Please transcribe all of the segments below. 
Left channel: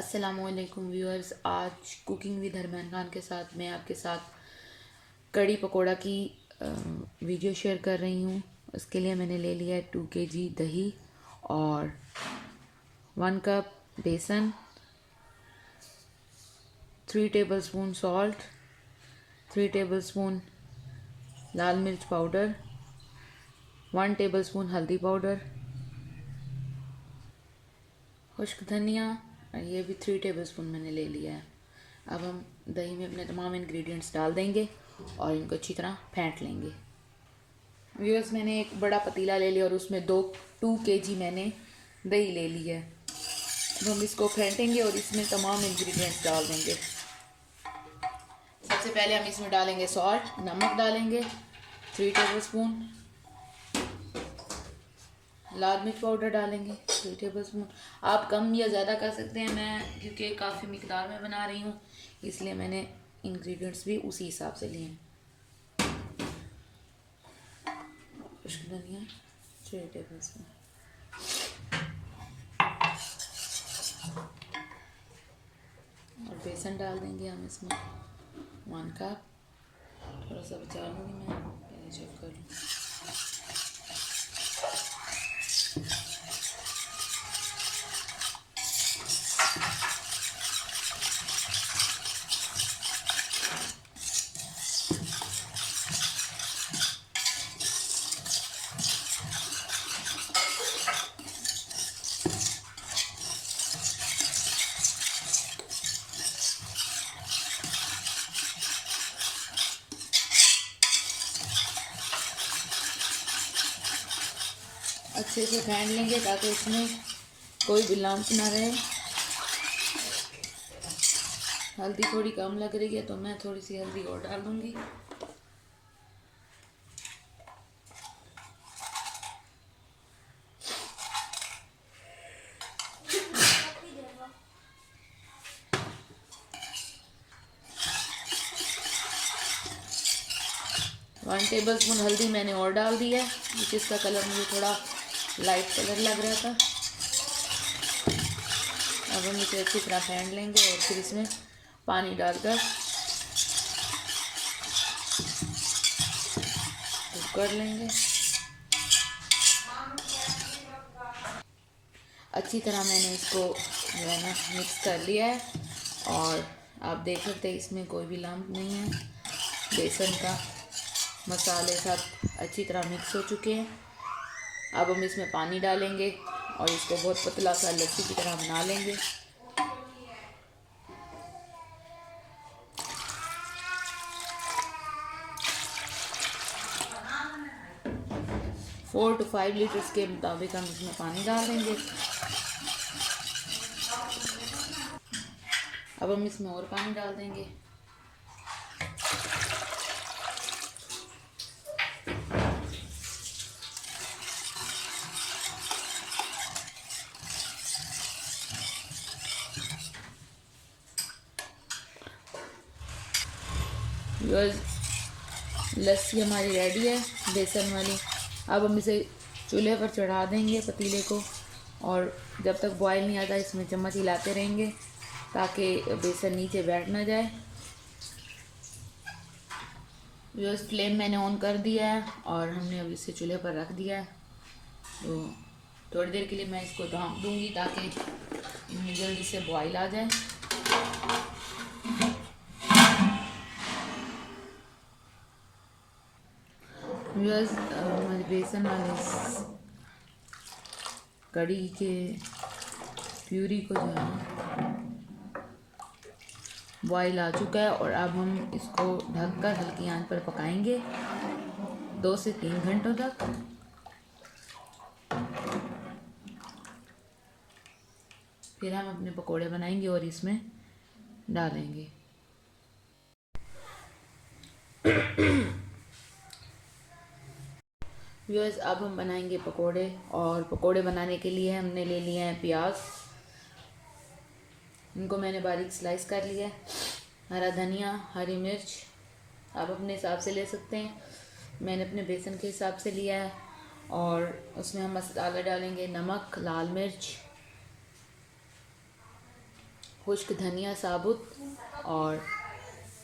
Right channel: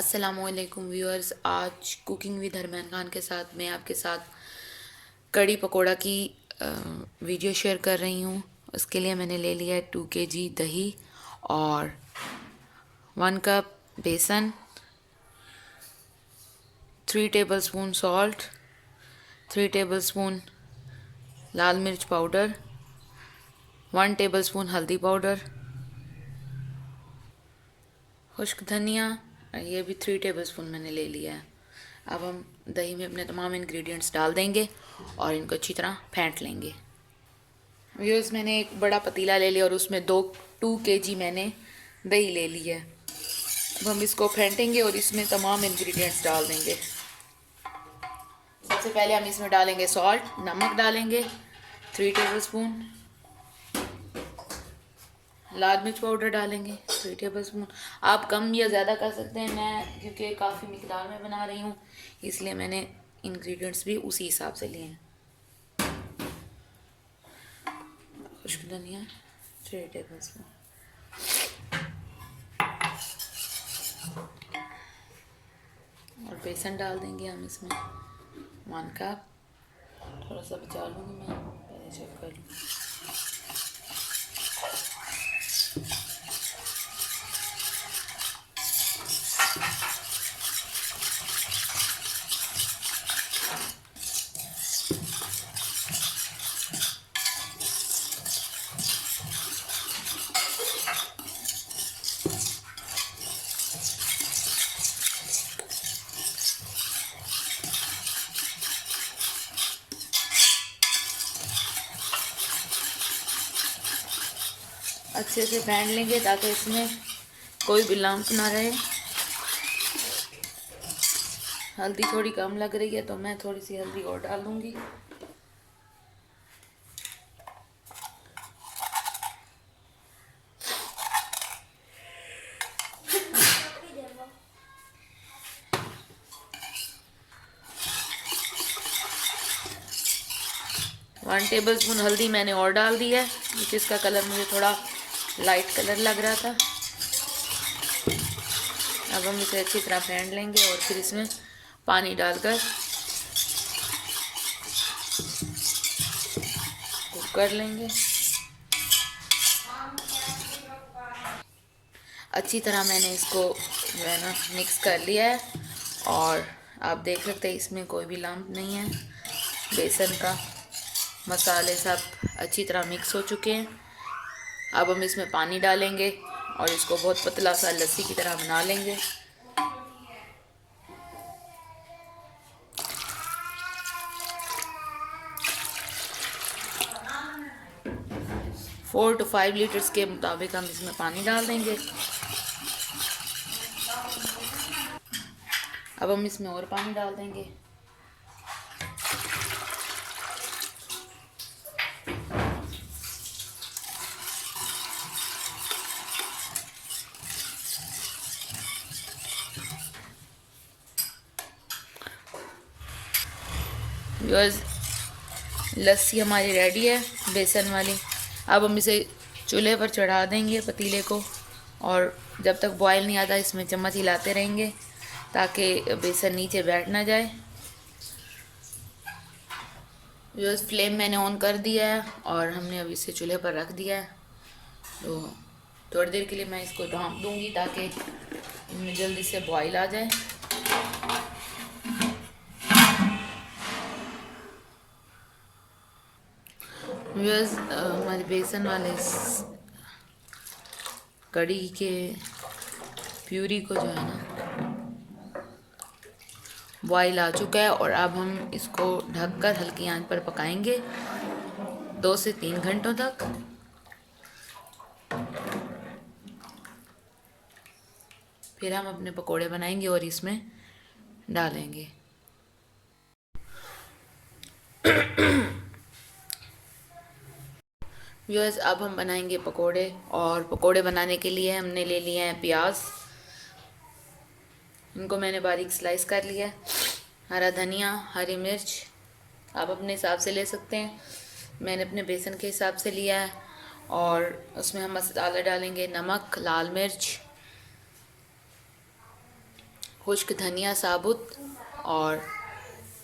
अस्सलामुअलैकुम व्यूअर्स। आज cooking with अरमान खान के साथ मैं आपके साथ कड़ी पकोड़ा की वीडियो शेयर कर रही हूँ। उसके लिए मैंने ले लिया है 2 kg दही और 1 कप बेसन, 3 टेबलस्पून सॉल्ट, 3 टेबलस्पून लाल मिर्च पाउडर, 1 टेबलस्पून हल्दी पाउडर, खुश्क धनिया, ये भी 3 टेबलस्पून मैंने ले लिया है। अब हम दही में अपने तमाम इंग्रेडिएंट्स डाल देंगे और इनको अच्छी तरह फेंट लेंगे। व्यूअर्स, मैंने एक बड़ा पतीला ले लिया और उसमें 2 kg मैंने दही ले लिया है। अब हम इसको फेंटेंगे और इसमें तमाम इंग्रेडिएंट्स डाल देंगे। सबसे पहले हम इसमें डालेंगे सॉल्ट, नमक डालेंगे 3 टेबलस्पून, लाल मिर्च पाउडर डालेंगे 3 टेबलस्पून। आप कम या ज़्यादा कर सकते हैं, मैं क्योंकि काफ़ी मिकदार में बना रही हूँ इसलिए मैंने इंग्रेडिएंट्स भी उसी हिसाब से लिए हैं। खुश्क धनिया 3 टेबलस्पून और बेसन डाल देंगे हम इसमें 1 कप। थोड़ा सा बचा लूँगी, मैं पहले चेक कर लूँ। अच्छे से फेंट लेंगे ताकि इसमें कोई भी लम्प ना रहे। हल्दी थोड़ी कम लग रही है तो मैं थोड़ी सी हल्दी और डाल दूँगी। वन टेबलस्पून हल्दी मैंने और डाल दिया है क्योंकि इसका कलर मुझे थोड़ा लाइट कलर लग रहा था। अब हम इसे अच्छी तरह फेंट लेंगे और फिर इसमें पानी डालकर कुक कर लेंगे। अच्छी तरह मैंने इसको जो है ना मिक्स कर लिया है और आप देख सकते हैं इसमें कोई भी लम्प नहीं है। बेसन का मसाले सब अच्छी तरह मिक्स हो चुके हैं। अब हम इसमें पानी डालेंगे और इसको बहुत पतला सा लस्सी की तरह बना लेंगे। 4 to 5 लीटर्स के मुताबिक हम इसमें पानी डाल देंगे। अब हम इसमें और पानी डाल देंगे। व्यूअर्स, लस्सी हमारी रेडी है बेसन वाली। अब हम इसे चूल्हे पर चढ़ा देंगे पतीले को और जब तक बॉयल नहीं आता इसमें चम्मच हिलाते रहेंगे ताकि बेसन नीचे बैठ ना जाए। व्यूअर्स, फ्लेम मैंने ऑन कर दिया है और हमने अब इसे चूल्हे पर रख दिया है। तो थोड़ी देर के लिए मैं इसको ढाँप दूँगी ताकि इनमें जल्दी से बॉयल आ जाए। व्यूअर्स, हमारे बेसन वाले कड़ी के प्यूरी को जो है ना बॉयल आ चुका है और अब हम इसको ढककर हल्की आंच पर पकाएंगे 2 से 3 घंटों तक। फिर हम अपने पकोड़े बनाएंगे और इसमें डालेंगे। व्यूअर्स, अब हम बनाएंगे पकोड़े और पकोड़े बनाने के लिए हमने ले लिए हैं प्याज। इनको मैंने बारीक स्लाइस कर लिया है। हरा धनिया, हरी मिर्च आप अपने हिसाब से ले सकते हैं, मैंने अपने बेसन के हिसाब से लिया है। और उसमें हम मसाला डालेंगे, नमक, लाल मिर्च, खुश्क धनिया साबुत और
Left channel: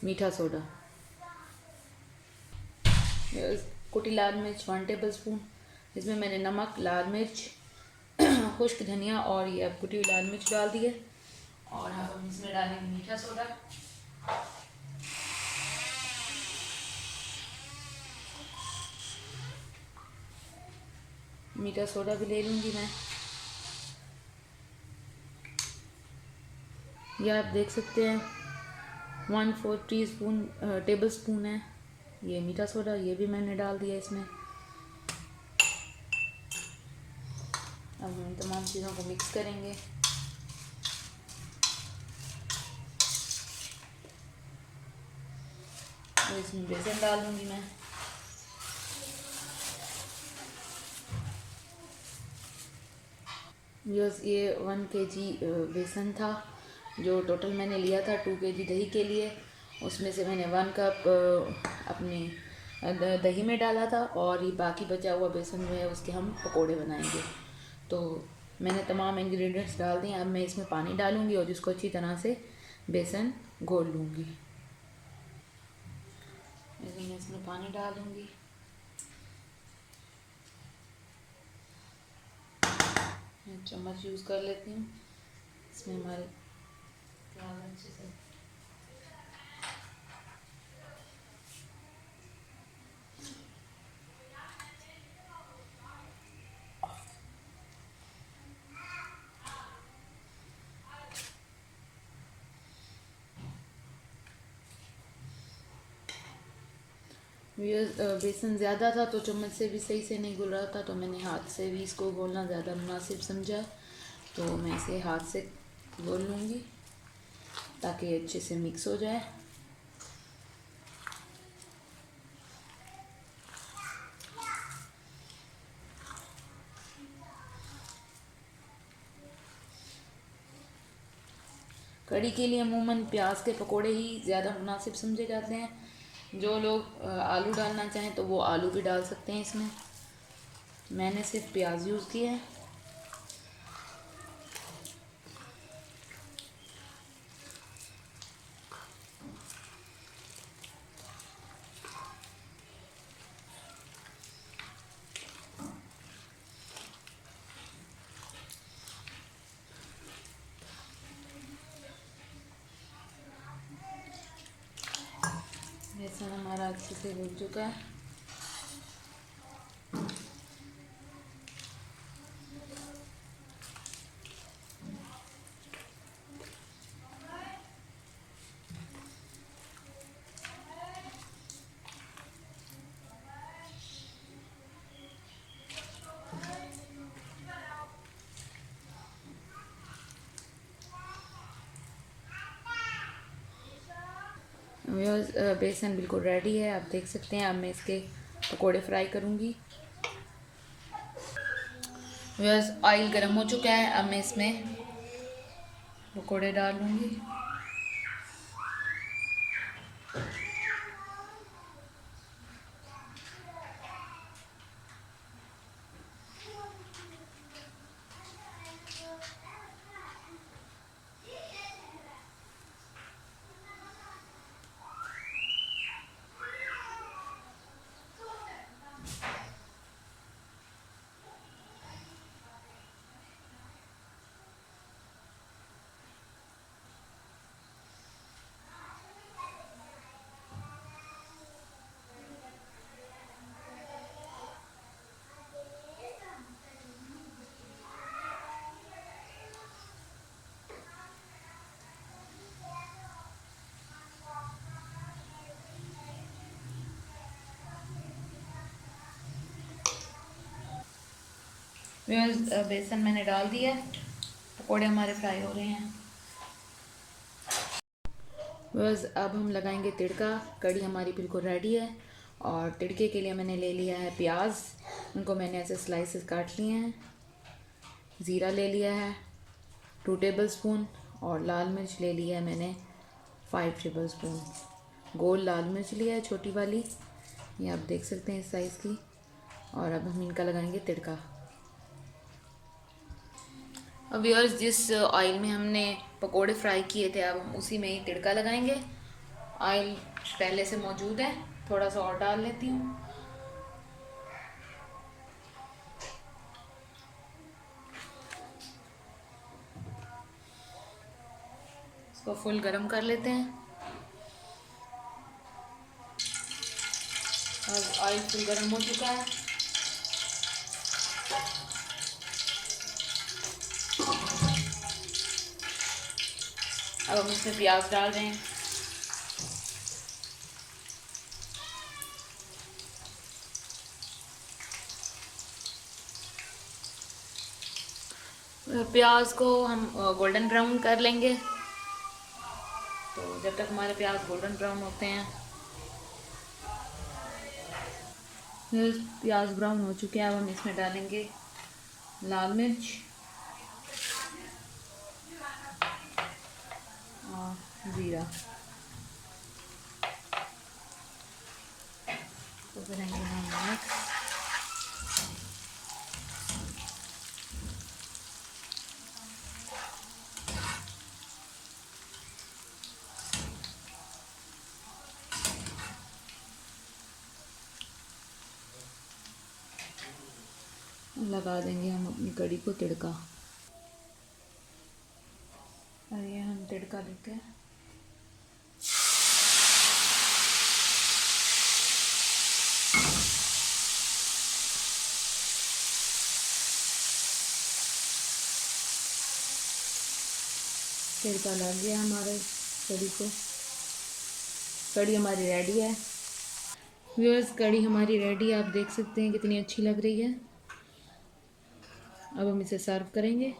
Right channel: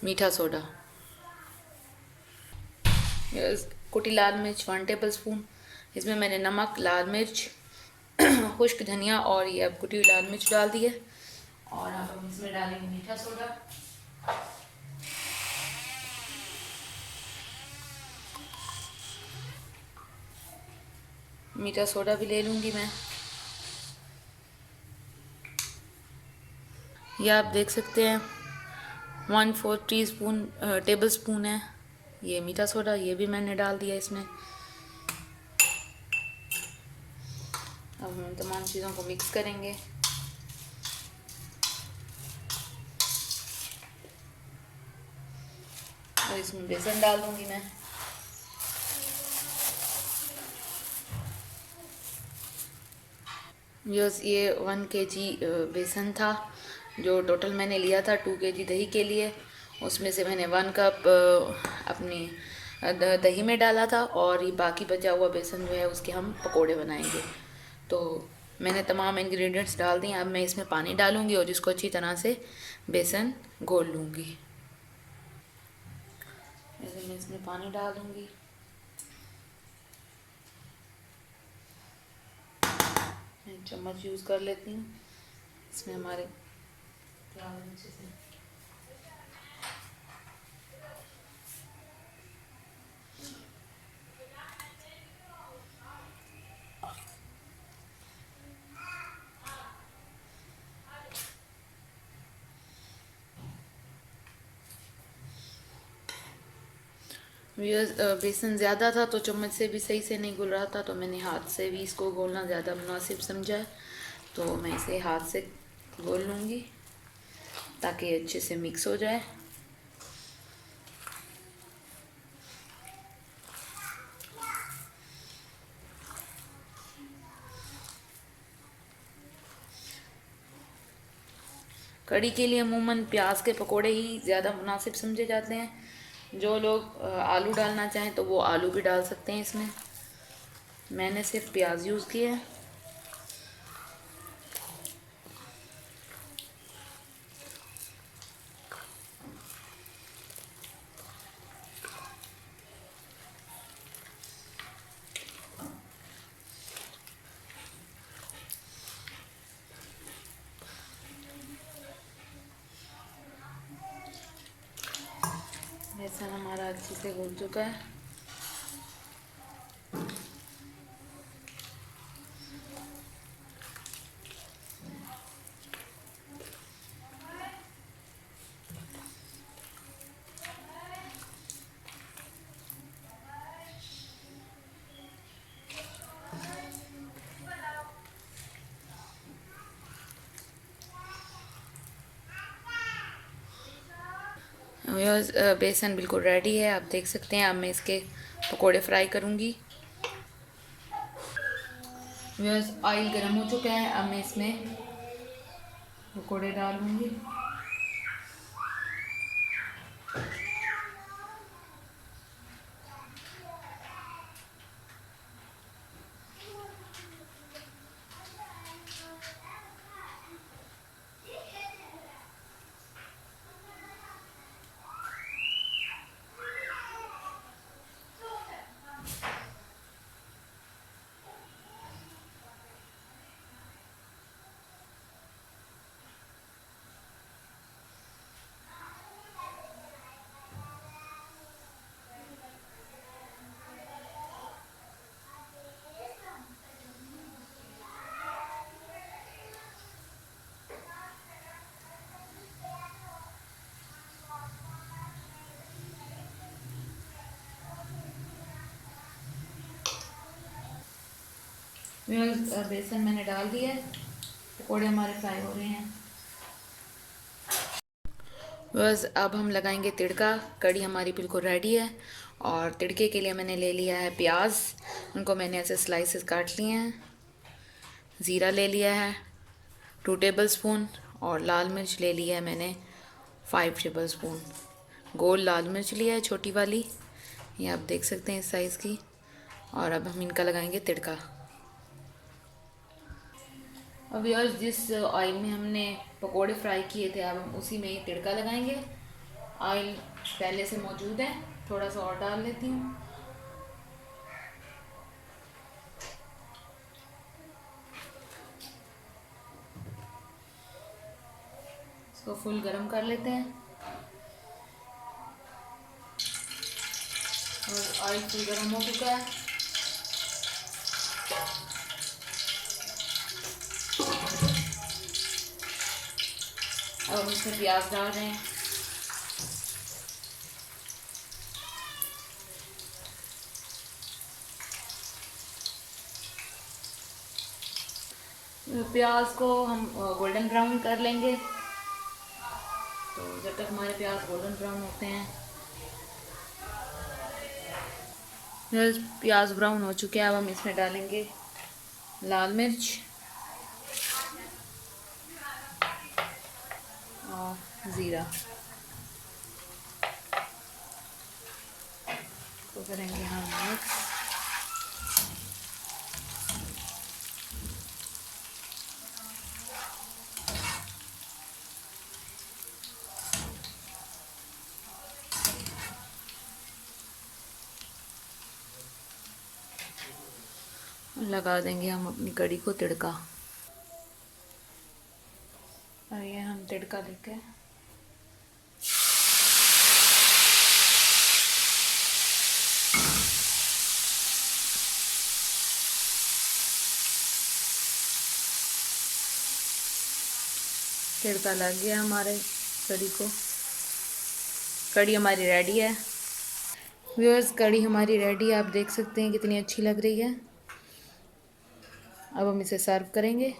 मीठा सोडा। कुटी लाल मिर्च 1 टेबल स्पून। इसमें मैंने नमक, लाल मिर्च, खुश्क धनिया और ये अब कुटी हुई लाल मिर्च डाल दी है। और अब हम इसमें डालेंगे मीठा सोडा। मीठा सोडा भी ले लूँगी मैं। ये आप देख सकते हैं 1/4 टेबल स्पून है ये मीठा सोडा, ये भी मैंने डाल दिया इसमें। अब हम तमाम चीज़ों को मिक्स करेंगे। और इसमें बेसन डाल दूँगी मैं। ये 1 kg बेसन था जो टोटल मैंने लिया था 2 kg दही के लिए। उसमें से मैंने 1 कप अपनी दही में डाला था और ये बाकी बचा हुआ बेसन जो है उसके हम पकोड़े बनाएंगे। तो मैंने तमाम इंग्रेडिएंट्स डाल दी। अब मैं इसमें पानी डालूँगी और इसको अच्छी तरह से बेसन घोल लूँगी। मैं इसमें पानी डाल दूँगी। चम्मच यूज़ कर लेती हूँ। इसमें हमारे प्याज अच्छे से बेसन ज़्यादा था तो चम्मच से भी सही से नहीं घुल रहा था, तो मैंने हाथ से भी इसको घोलना ज़्यादा मुनासिब समझा। तो मैं इसे हाथ से घोल लूँगी ताकि अच्छे से मिक्स हो जाए। कड़ी के लिए अमूमन प्याज के पकोड़े ही ज़्यादा मुनासिब समझे जाते हैं। जो लोग आलू डालना चाहें तो वो आलू भी डाल सकते हैं इसमें। मैंने सिर्फ प्याज यूज़ किए हैं। बेसन हमारा अच्छे से घुल चुका है। बेसन बिल्कुल रेडी है, आप देख सकते हैं। अब मैं इसके पकोड़े फ्राई करूँगी। ऑयल गर्म हो चुका है, अब मैं इसमें पकोड़े डालूँगी। बेसन मैंने डाल दिया है, पकोड़े हमारे फ्राई हो गए हैं। बस अब हम लगाएंगे तिड़का। कड़ी हमारी बिल्कुल रेडी है। और तिड़के के लिए मैंने ले लिया है प्याज, उनको मैंने ऐसे स्लाइसेस काट लिए हैं। ज़ीरा ले लिया है 2 टेबल स्पून और लाल मिर्च ले लिया है मैंने 5 टेबल स्पून। गोल लाल मिर्च लिया है छोटी वाली, ये आप देख सकते हैं इस साइज़ की। और अब हम इनका लगाएंगे तिड़का। अब व्यूअर्स जिस ऑयल में हमने पकोड़े फ्राई किए थे अब हम उसी में ही तड़का लगाएंगे। ऑयल पहले से मौजूद है, थोड़ा सा और डाल लेती हूँ। इसको फुल गरम कर लेते हैं और ऑयल फुल गरम हो चुका है। अब हम इसमें प्याज डाल रहे हैं। प्याज को हम गोल्डन ब्राउन कर लेंगे। तो जब तक हमारे प्याज गोल्डन ब्राउन होते हैं, प्याज ब्राउन हो चुके हैं, अब हम इसमें डालेंगे लाल मिर्च और ज़ीरा। तो करेंगे हम मिक्स। लगा देंगे हम अपनी कड़ी को तड़का। और ये हम तड़का लेके तड़का लग गया हमारे कड़ी को। कड़ी हमारी रेडी है व्यूअर्स, कड़ी हमारी रेडी है। आप देख सकते हैं कितनी अच्छी लग रही है। अब हम इसे सर्व करेंगे।